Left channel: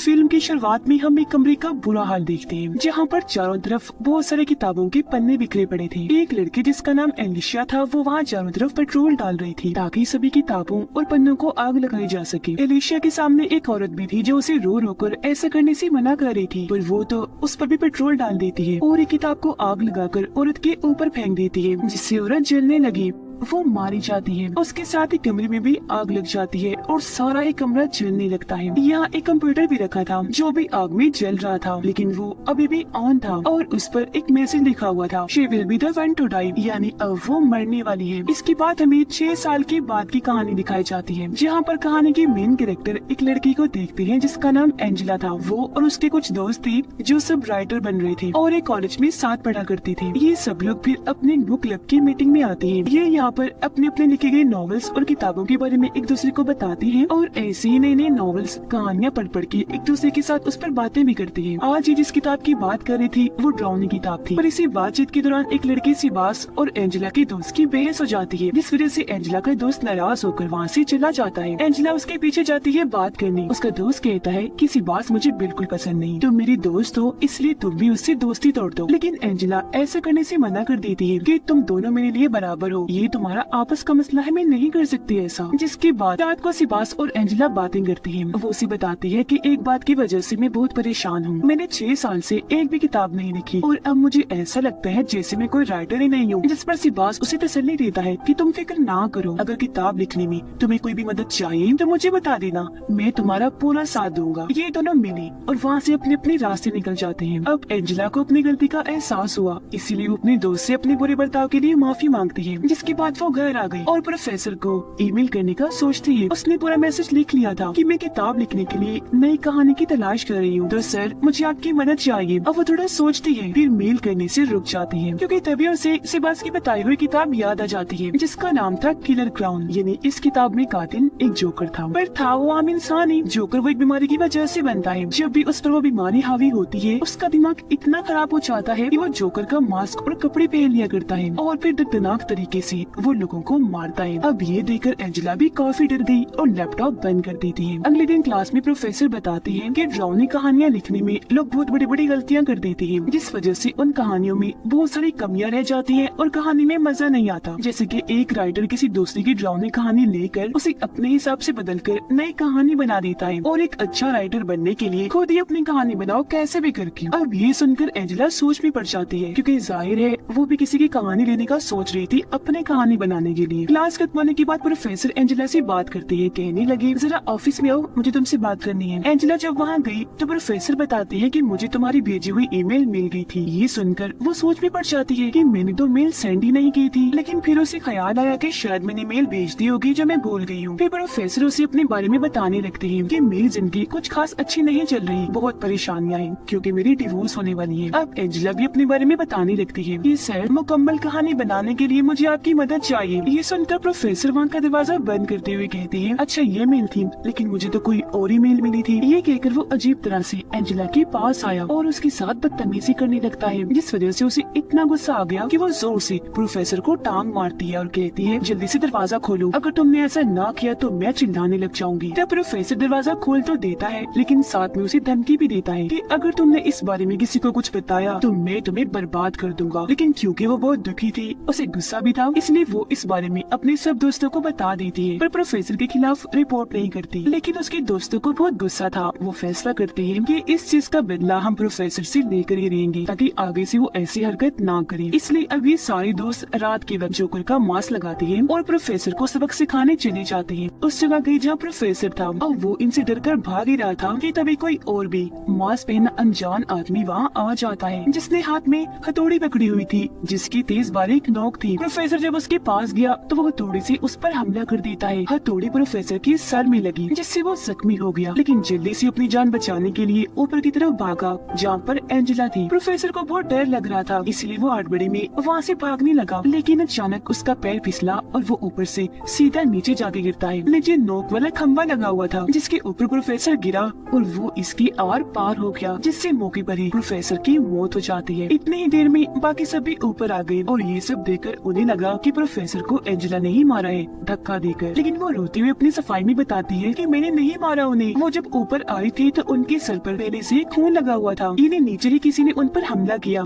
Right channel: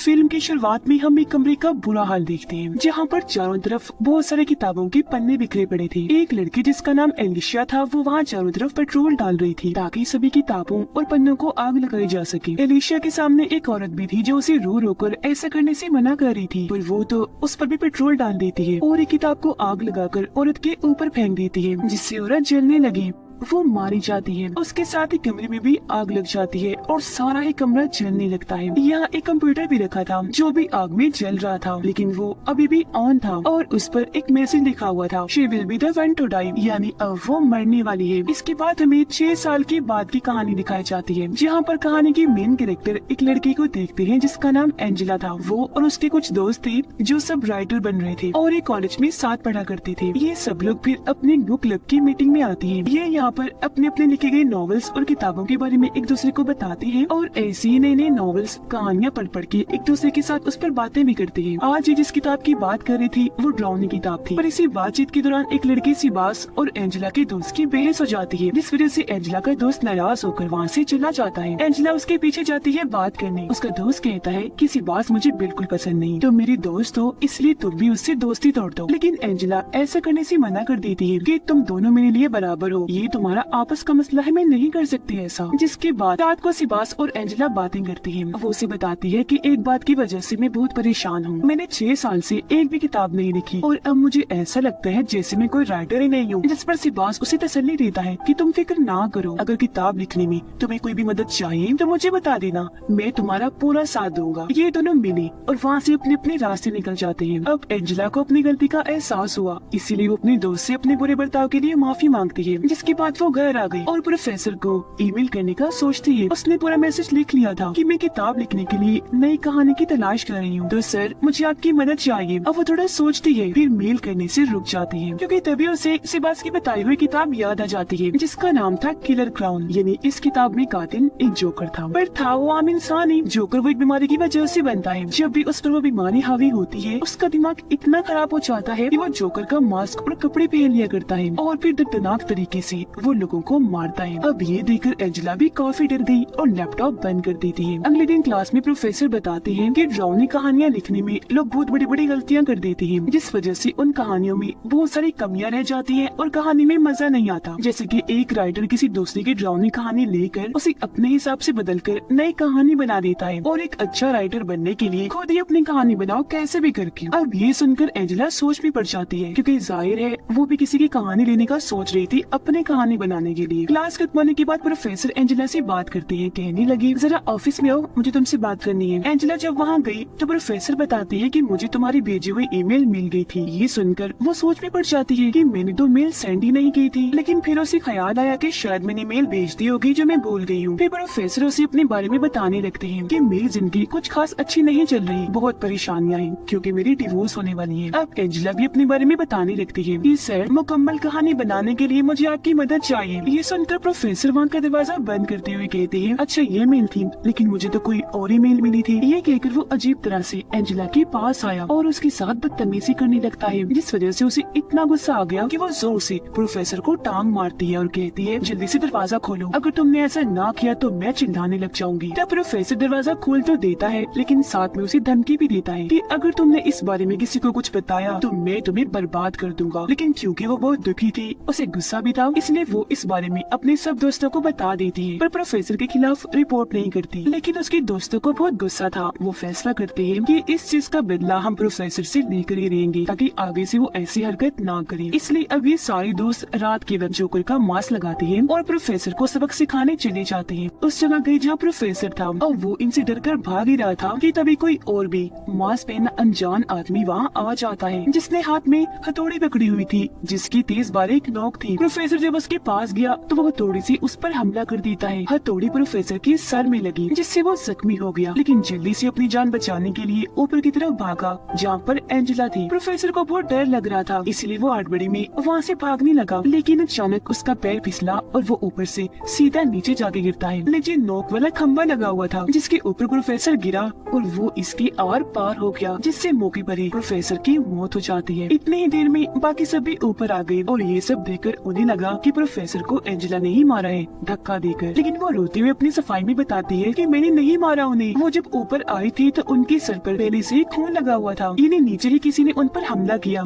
Film की शुरुआत में हम एक कमरे का बुरा हाल देखते हैं जहाँ पर चारों तरफ बहुत सारे किताबों के पन्ने बिखरे पड़े थे। एक लड़की जिसका नाम एलिशिया था वो वहाँ चारों तरफ पेट्रोल डाल रही थी ताकि सभी किताबों और पन्नों को आग लगाई जा सके। एलिशिया के सामने एक औरत भी थी जो उसे रो रो कर ऐसा करने से मना कर रही थी, पर वो तो उस पर भी पेट्रोल डाल देती है और एक किताब को आग लगाकर औरत के ऊपर फेंक देती है, जिससे औरत जलने लगी। वो मारी जाती है। उसके साथ ही कमरे में भी आग लग जाती है और सारा ही कमरा जलने लगता है। यहाँ एक कंप्यूटर भी रखा था जो भी आग में जल रहा था, लेकिन वो अभी भी ऑन था और उस पर एक मैसेज लिखा हुआ था, she will be the one to die, यानी अब वो मरने वाली है। इसके बाद हमें 6 साल के बाद की कहानी दिखाई जाती है, जहाँ पर कहानी की मेन कैरेक्टर एक लड़की को देखते हैं जिसका नाम एंजेला था। वो और उसके कुछ दोस्त थे जो सब राइटर बन रहे थे और एक कॉलेज में साथ पढ़ा करते थे। ये सब लोग फिर अपने बुक क्लब की मीटिंग में आते हैं। ये यहाँ पर अपने अपने लिखे गए नॉवेल्स और किताबों के बारे में एक दूसरे को बताते हैं और ऐसे ही नई नई नॉवेल्स कहानियाँ पढ़ के एक दूसरे के साथ उस पर बातें भी करते हैं। आज ये जिस किताब की बात कर रही थी वो ड्राउनी किताब थी, पर इसी बातचीत के दौरान एक लड़की सिबास और एंजेला के दोस्त की बहस हो जाती है, जिस वजह से एंजेला का दोस्त नाराज होकर वहाँ से चला जाता है। एंजेला उसके पीछे जाती है बात करने। उसका दोस्त कहता है कि सिबास मुझे बिल्कुल पसंद नहीं, तुम मेरी दोस्त हो इसलिए तुम भी उससे दोस्ती तोड़ दो, लेकिन एंजेला ऐसा करने से मना कर देती है कि तुम दोनों मेरे लिए बराबर हो, ये तुम्हारा आपस का मसला है, मैं नहीं कर सकती ऐसा। जिसके बाद रात को सिबास और एंजेला बातें करती है। वो उसे बताती है कि एक बात की वजह से मैं बहुत परेशान हूँ, मैंने 6 साल से एक भी किताब नहीं लिखी और अब मुझे ऐसा लगता है जैसे मैं कोई राइटर ही नहीं हूँ। जिस पर सिबास उसे तसल्ली देता है कि तुम फिक्र ना करो, अगर किताब लिखने में तुम्हें कोई भी मदद चाहिए तो मुझे बता देना, मैं तुम्हारा पूरा साथ दूंगा। ये दोनों मिले और वहाँ से अपने अपने रास्ते निकल जाते हैं। अब एंजेला को अपनी गलती का एहसास हुआ, इसीलिए वो अपने दोस्त से अपने बुरे बर्ताव के लिए माफी मांगती है। जिसके बाद वो घर आ गई और प्रोफेसर को ईमेल करने का सोचती है। उसने पूरा मैसेज लिख लिया था कि मैं किताब लिखने के लिए नई कहानी की तलाश कर रही हूँ, तो सर मुझे आपकी मदद चाहिए। अब वो थोड़ा सोचती है, फिर मेल करने से रुक जाती है क्योंकि तभी उसे सिबास की बताई हुई किताब याद आ जाती है जिसका नाम था किलर क्राउन, यानी इस किताब में कातिल एक जोकर था, पर था वो आम इंसान ही। जोकर वो एक बीमारी की वजह से बनता है। जब भी उस पर वो बीमारी हावी होती है उसका दिमाग इतना खराब हो जाता है कि वो जोकर का मास्क और कपड़े पहन लिया करता है और फिर दर्दनाक तरीके से वो लोगों को मारता है। अब ये देखकर एंजेला भी काफी डर गई और लैपटॉप बंद कर देती है। अगले दिन क्लास में प्रोफेसर बताते हैं कि ड्राउनी कहानियाँ लिखने में लोग बहुत बड़ी बड़ी गलतियाँ कर देते हैं, जिस वजह से उन कहानियों में बहुत सारी कमियां रह जाती हैं और कहानी में मजा नहीं आता। जैसे कि एक राइटर किसी दूसरे की ड्राउनी कहानी लेकर उसे अपने हिसाब से बदलकर नई कहानी बना देता है और एक अच्छा राइटर बनने के लिए खुद ही अपनी कहानी बनाओ कैसे भी करके। अब ये सुनकर एंजेला सोच में पड़ जाती है क्योंकि जाहिर है वो भी किसी की कहानी लेने का सोच रही थी अपनी कहानी बनाने के लिए। क्लास खत्म होने के बाद प्रोफेसर एंजेला से बात करते हैं, कहने लगे जरा ऑफिस में आओ, मुझे तुमसे बात करनी है। एंजेला जब वहाँ गई तो प्रोफेसर बताते हैं कि मुझे तुम्हारी भेजी हुई ईमेल मिल गई थी। ये सुनकर वो सोच में पड़ जाती है कि मैंने तो मेल सेंड ही नहीं की थी, लेकिन फिर उसे ख्याल आया कि शायद मैंने मेल भेज दी होगी जो मैं भूल गई हूँ। फिर प्रोफेसर उसे अपने बारे में बताने लगते हैं कि मेरी जिंदगी कुछ खास अच्छी नहीं चल रही, बहुत परेशानियाँ हैं क्योंकि मेरी डिवोर्स होने वाली है। अब एंजेला भी अपने बारे में बताने लगती है कि सर मुकम्मल कहानी बनाने के लिए मुझे आपकी मदद चाहिए। ये सुनकर प्रोफेसर वहाँ का दरवाजा बंद करते हुए कहते हैं, अच्छा ये मेल थी, लेकिन मुझे तो कोई और ही मेल मिली थी। ये कहकर वो अजीब तरह से एंजेला के पास आया और उसके साथ बदतमीजी करने लगता है, जिस वजह से उसे इतना गुस्सा आ गया कि वो जोर से प्रोफेसर को टांग मारती है और कहती है जल्दी से दरवाजा खोलो, अगर तुमने ऐसा ना किया तो मैं चिल्लाने लग जाऊंगी। तब प्रोफेसर दरवाजा खोल तो देता है, लेकिन साथ में उसे धमकी भी देता है कि अगर तुमने इस बारे में किसी को कुछ बताया तो मैं तुम्हें बर्बाद कर दूंगा। लेकिन क्योंकि वो बहुत दुखी थी, उसे गुस्सा भी था, इसलिए वो इस बारे में अपने सब दोस्तों को बता देती है, पर प्रोफेसर के खिलाफ रिपोर्ट नहीं करती। लेकिन उसके दोस्तों को बहुत गुस्सा था। वो फैसला करते हैं कि इस चीज का बदला हम प्रोफेसर से लेकर ही रहेंगे ताकि आगे से वो ऐसी हरकत ना करे। इसलिए अभी सारे दोस्त रात के वक्त जोकर का मास्क लगाते हैं और प्रोफेसर को सबक सिखाने चले जाते हैं। उस जगह गई जहाँ प्रोफेसर था और वो इनसे डरकर भाग ही रहा था कि तभी कोई और भी मास्क पहना अनजान आदमी वहाँ आ जाता है, जिसने हाथ में हथौड़ी पकड़ी हुई थी जिसकी तेज बारीक नोक थी। प्रोफेसर जब उसके पास गया तो वो हथौड़ी से उस पर हमला कर देता है। हथौड़ी प्रोफेसर की सर में लगी जिससे वो जख्मी हो गया, लेकिन जल्दी से अपनी जान बचाने के लिए ऊपर की तरफ भागा जहाँ पर एंजेला थी। प्रोफेसर को बहुत डर लग रहा था, इसलिए वो हड़बड़ी में वहाँ से भागने लगा, लेकिन अचानक उसका पैर फिसला और वो ऊपर से सीधा नीचे जाके गिरता है। नीचे नोक वाला खंबा लगा हुआ था जिसके ऊपर प्रोफेसर गिरा और वो इसके आर पार हो गया, जिससे मौके पर ही प्रोफेसर की मौत हो जाती है। इतनी ही देर में बाकी सभी ऊपर आ गए और ये सब देखकर उन्हें लगा कि प्रोफेसर को एंजेला ने ही मारा है धक्का देकर, लेकिन वो रोते हुए अपनी सफाई में बताती है कि मैंने नहीं मारा उन्हें। वो जब ऊपर आए थे तो उनके सर पर पहले से खून लगा हुआ था। इन्हें नीचे ही किसी ने उन पर हमला किया।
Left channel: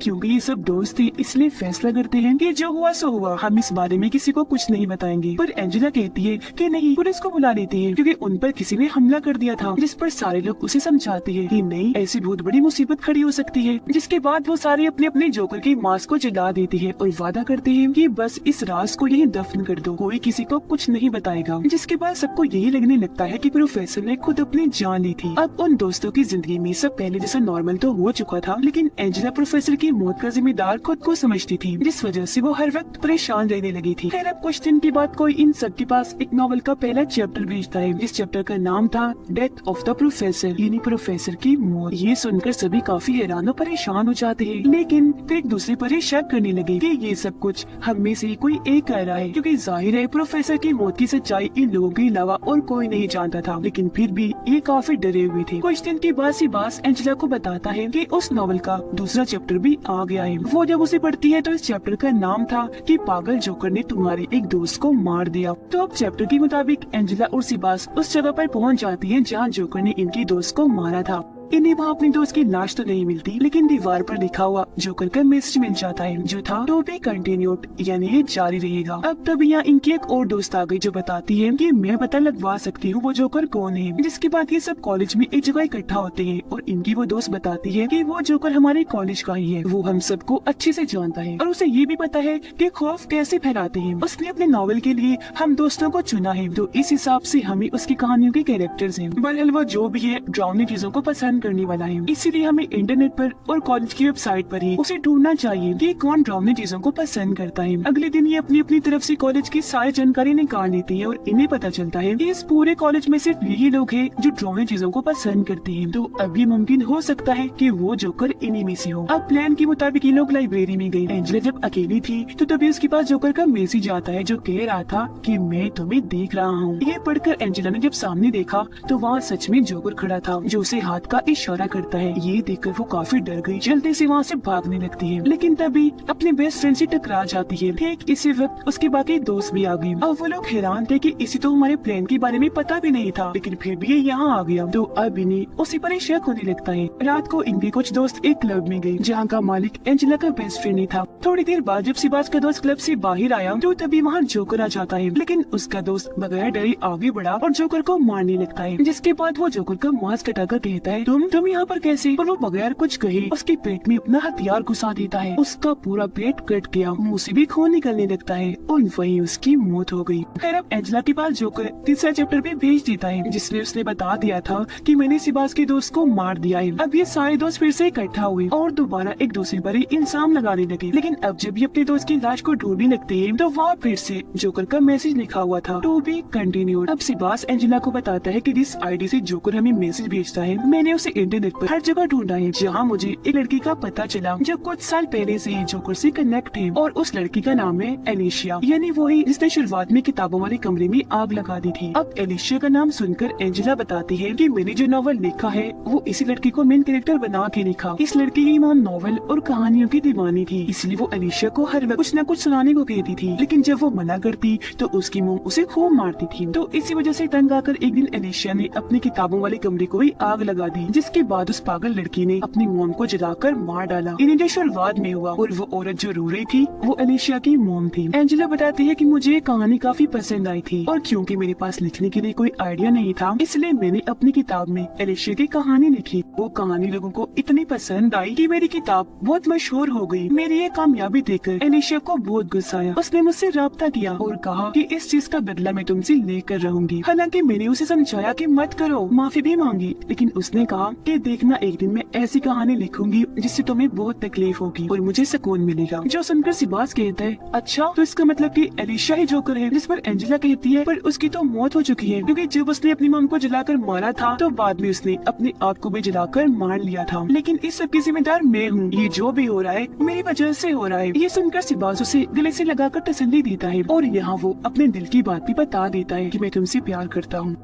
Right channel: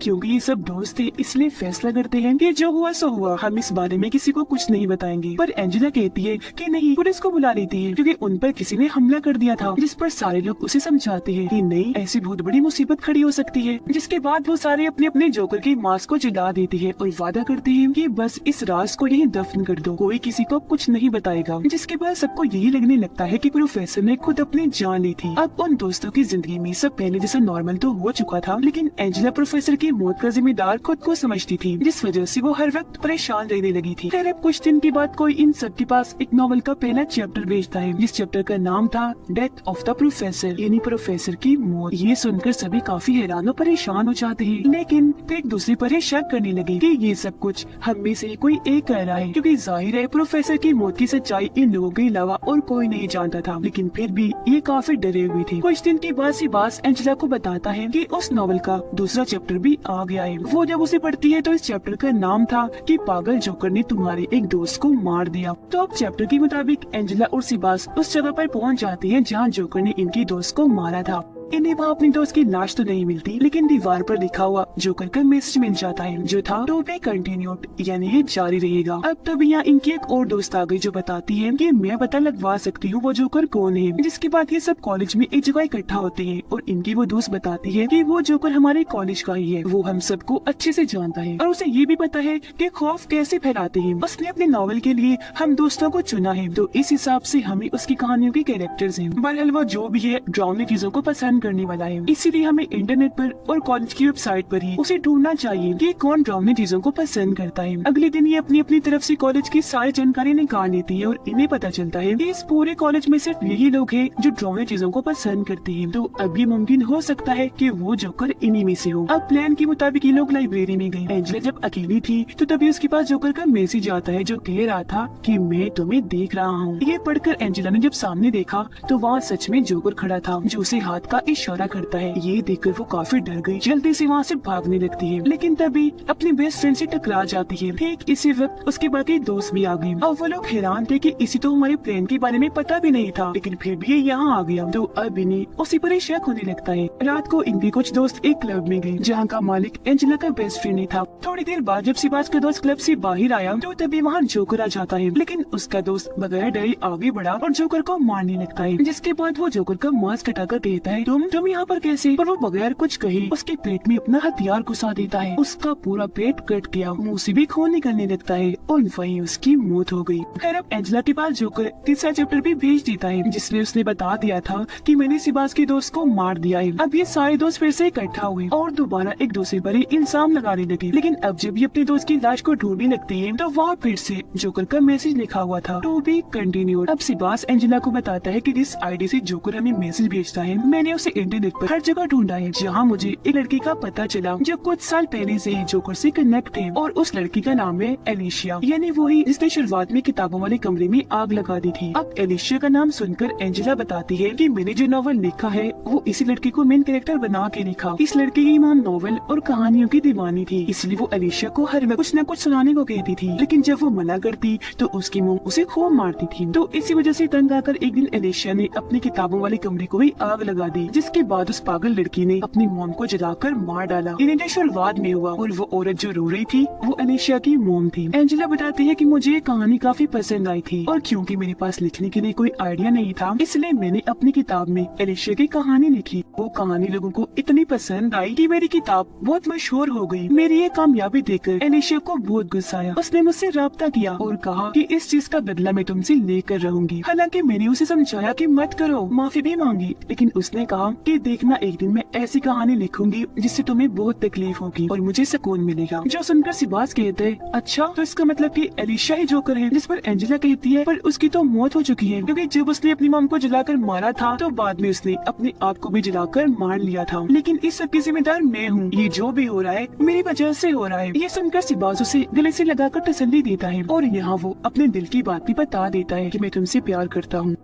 क्योंकि ये सब दोस्त थे इसलिए फैसला करते हैं कि जो हुआ सो हुआ, हम इस बारे में किसी को कुछ नहीं बताएंगे। पर एंजेला कहती है कि नहीं, पुलिस को बुला लेती है क्योंकि उन पर किसी ने हमला कर दिया था। जिस पर सारे लोग उसे समझाते हैं कि नहीं, ऐसी बहुत बड़ी मुसीबत खड़ी हो सकती है। जिसके बाद वो सारे अपने अपने जोकर की मास्क को जला देते हैं और वादा करते हैं कि बस इस राज को यही दफन कर दो, कोई किसी को कुछ नहीं बताएगा। जिसके बाद सबको यही लगने लगता है कि प्रोफेसर ने खुद अपनी जान ली थी। अब उन दोस्तों की जिंदगी में सब पहले जैसे नॉर्मल तो हो चुका था, लेकिन एंजेला प्रोफेसर की मौत का जिम्मेदार खुद को समझती थी, जिस वजह से वो हर वक्त परेशान रहने लगी थी। खैर, कुछ दिन के बाद कोई इन सब के पास एक नॉवल का पहला चैप्टर भेजता है, जिस चैप्टर का नाम था डेथ ऑफ द प्रोफेसर, यानी प्रोफेसर की मौत। ये सुनकर सभी काफी हैरान और परेशान हो जाते हैं, लेकिन फिर एक दूसरे पर ही शक करने लगे कि ये सब कुछ हम में से कोई एक कह रहा है, क्योंकि जाहिर है प्रोफेसर की मौत की सच्चाई इन लोगों के अलावा और कोई नहीं जानता था। लेकिन फिर भी ये काफी डरे हुए थे। कुछ दिन के बाद सिबास एंजेला को बताता है कि उस नॉवल का दूसरा चैप्टर भी आ गया है। वो जब उसे पढ़ती है तो इस चैप्टर का नाम था कि पागल जोकर ने तुम्हारी एक दोस्त को मार दिया। तो अब चैप्टर के मुताबिक एंजेला और सिबास उस जगह पर पहुंच जाती है जहां जोकर ने इनकी दोस्त को मारा था। इन्हें वहाँ अपनी दोस्त की लाश तो नहीं मिलती, लेकिन दीवार पर लिखा हुआ जोकर का मैसेज मिल जाता है, जो था टू बी कंटिन्यूड, यानी ये जारी रहेगा। अब तब यहाँ इनकी एक और दोस्त आ गई जो बताती है कि मैं पता लगवा सकती हूँ वो जोकर कौन है। जिसके बाद ये सब कॉलेज में एक जगह इकट्ठा होते हैं और इनकी वो दोस्त बताती है कि वो जोकर हमारे कॉलेज का ही है, वो हम सबको अच्छे से जानता है और उसे ये भी पता है कि खौफ कैसे फैलाते हैं। उसने अपने नॉवल के लिए हम दोस्तों को चुना है, तो इस हिसाब से हमें उसकी कहानियों के कैरेक्टर्स हैं। बहरहाल वो जो भी है डरावनी चीजों को पसंद करने वाला है, इसीलिए हमें इंटरनेट पर और कॉलेज की वेबसाइट पर ही उसे ढूंढना चाहिए कि कौन डरावनी चीजों को पसंद करता है। अगले दिन ये अपनी अपनी तरफ से कॉलेज की सारी जानकारी निकाल लेती है और इन्हें पता चलता है कि इस पूरे कॉलेज में सिर्फ यही लोग हैं जो डरावनी चीजों को पसंद करते हैं। तो अब ये मुमकिन हो सकता है कि वो जोकर इन्हीं में से हो। अब प्लान के मुताबिक ये लोग लाइब्रेरी में गए। एंजेला जब अकेली थी तो तभी उसके पास जोकर का मैसेज आता है जो कह रहा था कि मैं तुम्हें देख रहा हूँ। ये पढ़कर एंजेला ने जब सामने देखा तो वहाँ सच में जोकर खड़ा था जो उसे हाथ का इशारा करता है। ये देखकर वो काफी डर गई, जल्दी से वहाँ से भागने लगती है, लेकिन तभी अपने बेस्ट फ्रेंड से टकरा जाती है। ठीक इसी वक्त उसके बाकी दोस्त भी आ गए। अब वो लोग हैरान थे कि इसे तो हमारे प्लान के बारे में पता भी नहीं था, लेकिन फिर भी ये यहाँ आ गया। तो अब इन्हें उसी पर ही शक होने लगता है। रात को इनके कुछ दोस्त एक क्लब में गए जहाँ का मालिक एंजेला का बेस्ट फ्रेंड ही था। थोड़ी देर बाद जब सिबास का दोस्त क्लब से बाहर आया तो तभी वहाँ जोकर आ जाता है, लेकिन उसका दोस्त बगैर डरे आगे बढ़ा और जोकर को मारने लगता है। जिसके बाद वो जोकर का मास्क हटाकर कहता है तुम यहाँ पर कैसे? और वो बगैर कुछ कहे उसके पेट में अपना हथियार घुसा देता है। उसका पूरा पेट कट गया, मुंह से भी खून निकलने लगता है और वहीं उसकी मौत हो गई। खैर, अब एंजेला के पास जोकर तीसरा चैप्टर भी भेज देता है जिसमें उसने बता दिया था कि मैंने सिबास के दोस्त को मार दिया है। अब ये सारे दोस्त फिर से इकट्ठा हुए और दोबारा एक दूसरे पर इल्जाम लगाने लगे। लेकिन अब जब ये अपने दोस्त की लाश को ढूंढने लगते हैं तो वहाँ फिर से जोकर का मैसेज लिखा हुआ था टू बी कंटिन्यूड। अब सिबास एंजेला को बताता है कि जिस आईडी से जोकर हमें मैसेज भेजता है मैंने उसे इंटरनेट पर हर जगह ढूंढा है, जहाँ मुझे एक लड़की का पता चला जो कुछ साल पहले से ही जोकर से कनेक्ट है और उस लड़की का नाम है एलिशिया, यानी वो ही जिसने शुरुआत में किताबों वाले कमरे में आग लगा दी थी। अब एलिशिया का नाम सुनकर एंजेला बताती है कि मैंने जो नॉवल लिखा है वो इसी लड़की को मेन कैरेक्टर बना के लिखा। इस लड़की की मां नॉवल और कहानियों की दीवानी थी, इसलिए वो एलिशिया को हर वक्त कुछ न कुछ सुनाने को कहती थी, लेकिन जब वो मना करती तो उसकी मॉम उसे खूब मारती थी। तो इसी वजह से तंग आकर एक दिन एलिशिया ने अपने किताबों वाले कमरे को भी आग लगा दी, जिसके बाद उस पागल लड़की ने अपनी मॉम को जलाकर मार डाला। इन्हें शुरुआत में हुआ और वो औरत जो रो रही थी वो एलिशिया की मॉम थी। एंजेला बताती है कि मुझे कहानी काफी पसंद आई थी और क्योंकि मेरे पास लिखने के लिए कोई आइडिया नहीं था इसलिए मैंने अपनी किताब में एलिशिया की कहानी लिखी। वो कहानी लोगों को इतनी पसंद आई कि मेरी किताब बहुत मशहूर हो गई। मेरी ये कामयाबी देखकर एलिशिया को बहुत गुस्सा आया। उसने मुझसे राब्ता किया और कहा कि इस चीज का बदला मैं तुमसे लेकर रहूंगी। हालांकि मैंने उसे समझाया कि मत करो, माफी भी मांगी, लेकिन उसने कहा कि देखना एक दिन मैं ऐसी कहानी लिखूंगी जिससे तुम्हें बहुत तकलीफ होगी और मुझे सुकून मिलेगा। जो सुनकर सिबास कहता है अच्छा, तो इसका मतलब कि एलिशिया ही जोकर है। जिस पर एंजेला कहती है पर उसकी तो मौत हो चुकी है, क्योंकि जब उसने अपनी मॉम को जलाकर मारा था तो बाद में उसने अपनी आप को भी जलाकर मार लिया था। लेकिन इस सब की जिम्मेदार मैं हूँ, ये जो भी हो रहा है मेरी वजह से हो रहा है। ये सुनकर सिबास उसे गले से लगाकर तसल्ली देता है और यहाँ वो अपने दिल की बात भी बता देता है कि मैं तुमसे प्यार करता हूँ।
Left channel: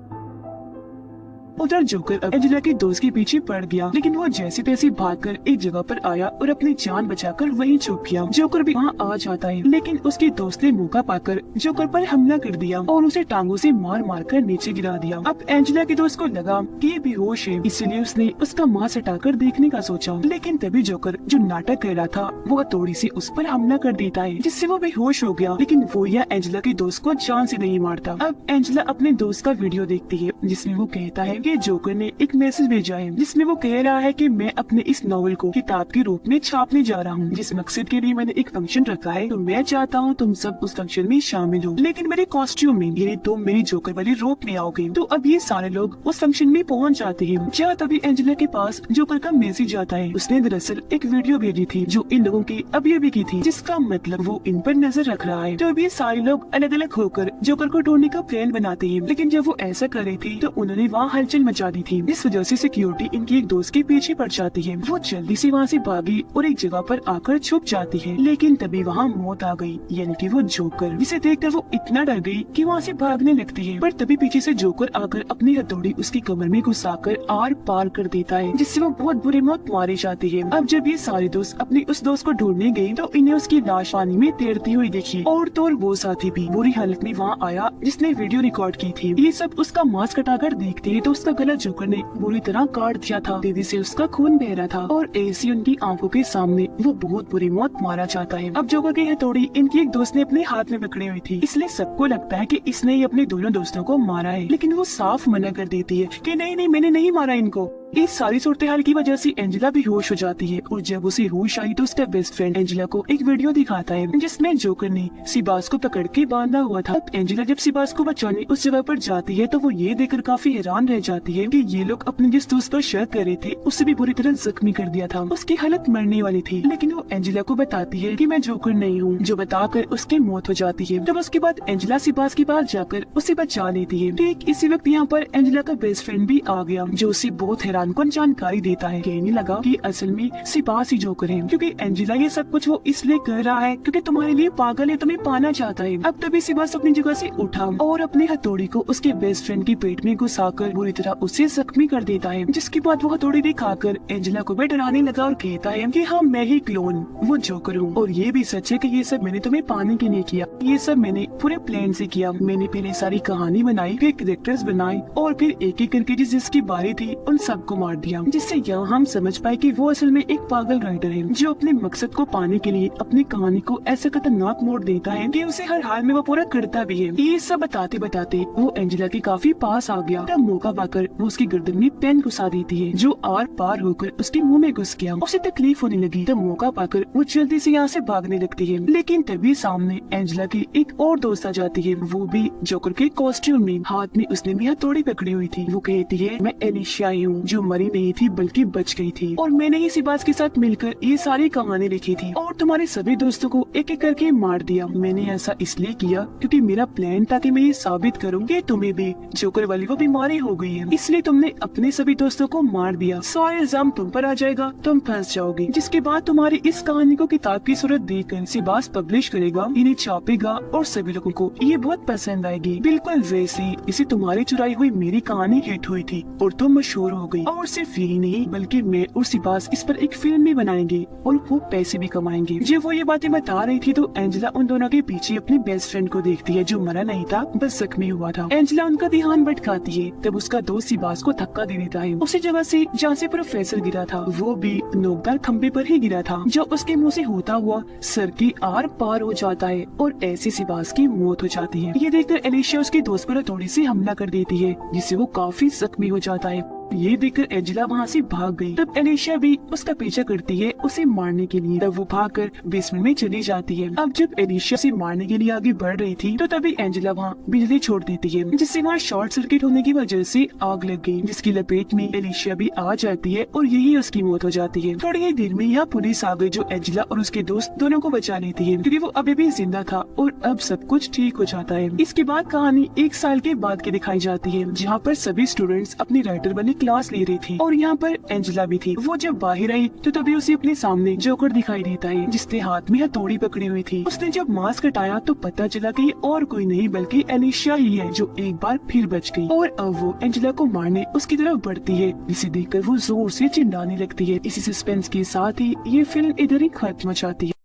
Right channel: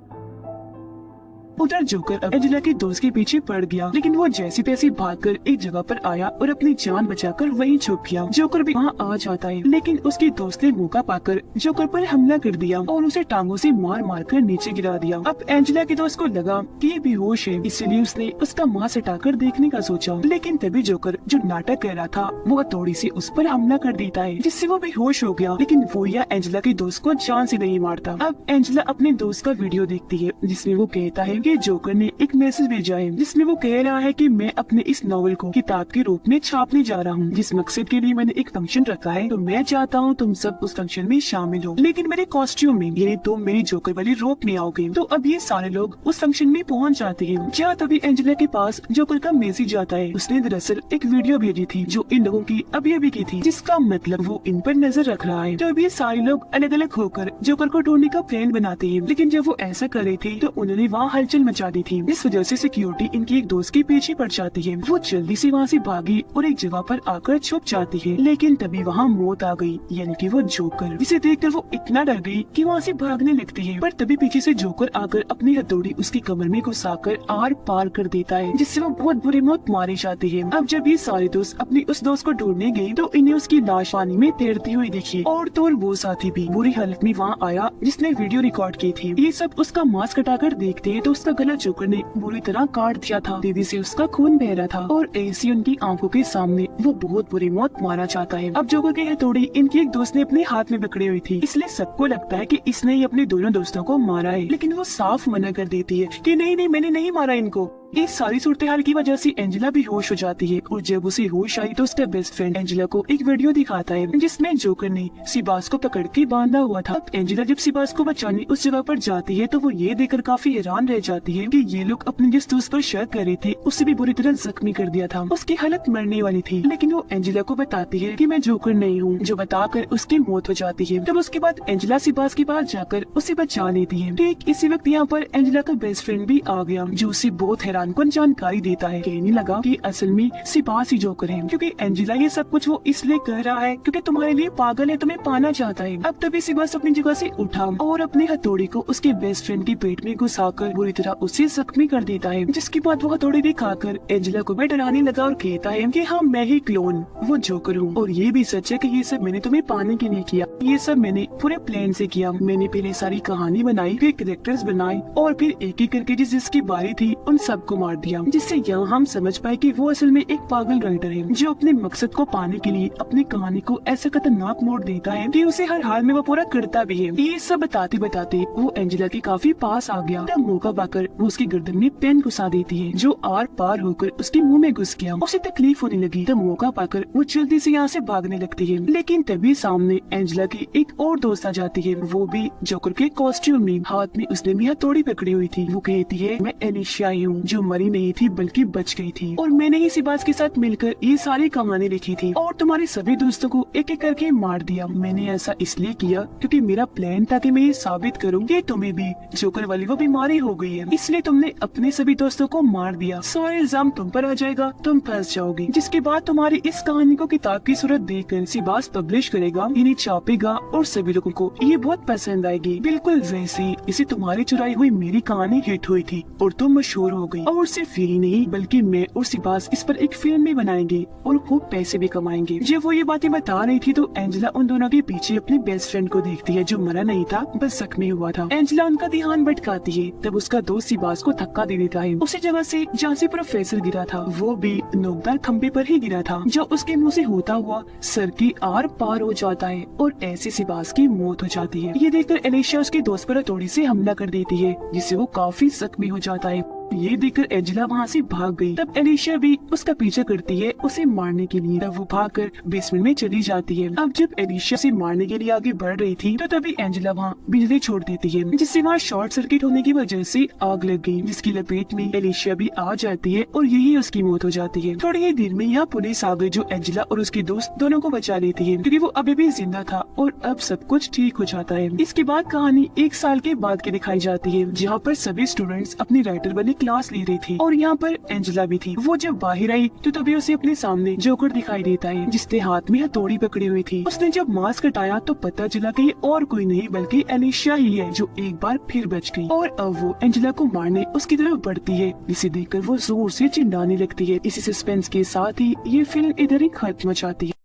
उधर जोकर अब एंजेला के दोस्त के पीछे पड़ गया, लेकिन वो जैसी तैसी भागकर एक जगह पर आया और अपनी जान बचाकर वहीं छुप गया। जोकर भी वहाँ आ जाता है, लेकिन उसके दोस्त ने मौका पाकर जोकर पर हमला कर दिया और उसे टांगों से मार मार कर नीचे गिरा दिया। अब एंजेला के दोस्त को लगा कि ये बेहोश है, इसलिए उसने उसका मांस हटाकर देखने का सोचा, लेकिन तभी जोकर जो नाटक कर रहा था वो हथौड़ी से उस पर हमला कर देता है, जिससे वो बेहोश हो गया। लेकिन वो यह एंजेला के दोस्त को जान से नहीं मारता। अब एंजेला अपने दोस्त का वीडियो देखती है, जिसमें वो कहता है कि जोकर ने एक मैसेज भेजा है, जिसमें वो कह रहा है कि मैं अपने इस नॉवेल को किताब के रूप में छापने जा रहा हूँ, जिस मकसद के लिए मैंने एक फंक्शन रखा है, तो मैं चाहता हूँ तुम सब उस फंक्शन में शामिल हो, लेकिन मेरे कॉस्ट्यूम में, यानी तुम मेरी जोकर वाली रोप में आओगे। तो अब ये सारे लोग उस फंक्शन में पहुँच जाते हैं। जहाँ तभी एंजेला के पास जोकर का मैसेज आता है। उसने दरअसल एक वीडियो भेजी थी जो इन लोगों की अभी की थी, जिसका मतलब वो इन पर नजर रख रहा है। तो अब ये सारे लोग अलग अलग होकर जोकर को ढूंढने का प्लान बनाते हैं, लेकिन जब वो ऐसा कर रहे थे तो उन्होंने वहाँ हलचल मचा दी थी। इस वजह से सिक्योरिटी इनकी एक दोस्त के पीछे पड़ जाती है। वो जल्दी से वहाँ से भागी और एक जगह पर आकर छुप जाती है, लेकिन तभी वहाँ मौत आ गई, यानी कि वो जोकर, जिसे देखकर वो इतना डर गई कि वहाँ से भागने लगती है। पर तभी पीछे से जोकर आकर अपनी हथौड़ी उसकी कमर में घुसाकर आर पार कर देता है, जिससे वो बहुत बुरी मौत मारी जाती है। अब जब ये सारे दोस्त अपनी उस दोस्त को ढूंढने गए तो इन्हें उसकी लाश पानी में तैरती हुई दिखी, और तो वो साथी भी बुरी हालत में वहाँ आया जिसने वीडियो रिकॉर्ड की थी। ये सब उसका मास्क हटाकर देखते हैं तो उसका गला जोकर ने बुरी तरह काट दिया था, तेजी से उसका खून बह रहा था, और ऐसी उनकी आंखों के सामने वो बहुत बुरी मौत मारा चाहता है। अब जोकर की हथौड़ी इनकी एक दोस्त ने अपने हाथ में पकड़ी हुई थी, इसलिए सबको लगता है कि इसने ही अपने दोनों दोस्तों को मारा है, लेकिन वो साफ मना कर देती है कि नहीं नहीं, मैंने नहीं मारा इनको। इस सारी सूरत हाल की वजह से एंजेला भी होश हो जाती है, और जब उसे होश आई तो उसका बेस्ट फ्रेंड एंजेला को एक वीडियो दिखाता है जिसमें जोकर ने सिबास को पकड़ के बांधा हुआ था। एंजेला जब सिबास को बचाने उस जगह पर जाती है तो वो ये देखकर काफी हैरान रह जाती है कि ये लोग अपने जिस दोस्त पर शक कर रहे थे उससे भी बुरी तरह जख्मी कर दिया था। उसकी हालत मरने वाली थी, लेकिन वो एंजेला को बताती है कि मैं जोकर नहीं हूँ, जो बताकर उसकी मौत हो जाती है। तब उसके बाद एंजेला सिबास के पास जाकर उसे बचा लेती है। ठीक इसी वक्त यहाँ पर एंजेला का बेस्ट फ्रेंड भी आ गया, जो उसे बहुत हैरान कौन जानकारी देता है। कहने लगा कि असल में सिबास ही जोकर है, क्योंकि एंजेला ये सब कुछ वो इसलिए कर रहा है क्योंकि तुम्हारे लिए पागल है, तुम्हें पाना चाहता है। अब तभी सिबास अपनी जगह से उठा और अपनी हथौड़ी को उसके बेस्ट फ्रेंड के पेट में घुसाकर बुरी तरह उसे जख्मी कर देता है, जिसके बाद वो हथौड़ी दिखाकर एंजेला को भी डराने लगा और कहता है कि हाँ, मैं ही क्लोन वो जोकर हूँ, और ये भी सच है कि ये सब मैंने तुम्हें पाने के लिए किया, ये सब मैंने पूरे प्लान से किया। मैंने पहले सारी कहानी बनाई, फिर कैरेक्टर्स बनाई, और फिर एक एक करके जिसकी बारी थी उन सबको मार दिया, जिससे यहाँ हम समझ पाए कि वो असल में एक पागल राइटर है, जो अपने मकसद को पाने के लिए अपनी कहानी को ऐसा खतरनाक मोड़ देता है कि उसे हर हाल में वो पूरा करता भी है। ये सब बताते बताते वो एंजेला के काफी पास आ गया, तब मौका पाकर वो उसके गर्दन में पेन घुसा देती है, जो आर पार होकर उसके मुंह में घुस गया। उसे तकलीफ होने लगी, तब मौका पाकर वो जल्दी से यहाँ से भागने लगती है, लेकिन तभी सामने एंजेला की एक और दोस्त आ जाती है, वो भी जोकर के कॉस्ट्यूम में, हाथ में उसने भी हथौड़ी पकड़ी हुई थी। वो कहती है मैं एलिशिया हूँ, जो मरी नहीं थी बल्कि बच गई थी, और मैंने ही सिबास के साथ मिलकर ये सारी कहानी लिखी थी और तुम्हारे सभी दोस्तों को एक एक करके मार दिया। मैंने ऐसा इसलिए किया क्योंकि मेरा प्लान था कि मैं ये साबित करूँ कि तुम्हें भी जोकर वाली वो बीमारी हो गई है, इसलिए तुमने अपने सभी दोस्तों को मार दिया। सारा इल्जाम तुम पर आ जाएगा, तुम फंस जाओगी, जिसके बाद तुम्हारी इस कहानी को किताब की सूरत देकर सिबास पब्लिश करेगा, इन्हें छापेगा और सभी लोगों को ये बहुत पसंद आएगी, बिल्कुल वैसी इसे तुम्हारी चुराई हुई मेरी कहानी हिट हुई थी और तुम मशहूर हो गई। और सिर्फ यही नहीं बल्कि मैं और सिबास इस पर एक फिल्म भी बनाएंगे और खूब पैसे भी कमाएंगे। जब वो ये बातें बता रही थी तो एंजेला उन दोनों के पीछे अपने बेस्ट फ्रेंड को देखती है, जो मरा नहीं था बस जख्मी हुआ था। एंजेला उनका ध्यान भटकाती है, तब उसका दोस्त सिबास को धक्का दे देता है उसी जगह से जहाँ से प्रोफेसर गिरा था, वो भी नोकदार खंबे पर ही गिरा था, जो उसके मुँह से होता हुआ सर की आर पार हो जाता है और ऐसी सिबास की मौत हो जाती है। ये देखकर एलिशिया उसके दोस्त पर थोड़ी सी हमला कर देती है, जिससे वो काफी जख्मी हो जाता है। ये देखकर एंजेला वहाँ से भाग गई। तब एलिशिया भी उसका पीछा करती है उसे मारने के लिए, तब वो भागकर बेसमेंट में चली जाती है। अब जब एलिशिया से मारने के लिए आगे बढ़ रही थी तो तभी एंजेला वहाँ बिजली छोड़ देती है, जिससे वहाँ शॉर्ट सर्किट होने की वजह से आग लग गई, जिसकी लपेट में एलिशिया भी आ जाती है और यही उसकी मौत हो जाती है। थोड़ी ही देर में यहाँ पुलिस आ गई, जो एंजेला और उसके दोस्त दोनों को बचा लेती है, क्योंकि वो अभी भी जिंदा था और अब सब कुछ ठीक हो जाता है। इसके बाद कहानी 1 साल के बाद की दिखाई जाती है, जहाँ पर सभी स्टूडेंट्स अपनी राइटर वाली क्लास ले रहे थे और यहाँ पर एंजेला भी थी। वो जब बाहर आई तो तभी उसे अपने सामने जोकर दिखाई देता है जिसने हाथ में हथौड़ी पकड़ी हुई थी। उसने जब मास्क हटाया तो पता चला कि और कोई नहीं बल्कि एलिशिया ही है जो एक बार फिर बच गई और अब वो एंजेला को मारने उसकी तरफ बढ़ती है, जिसे देखकर वो जोर से चिल्लाने लगती है। इसी सस्पेंस के साथ ही ये फिल्म इधर ही खत्म हो जाती है।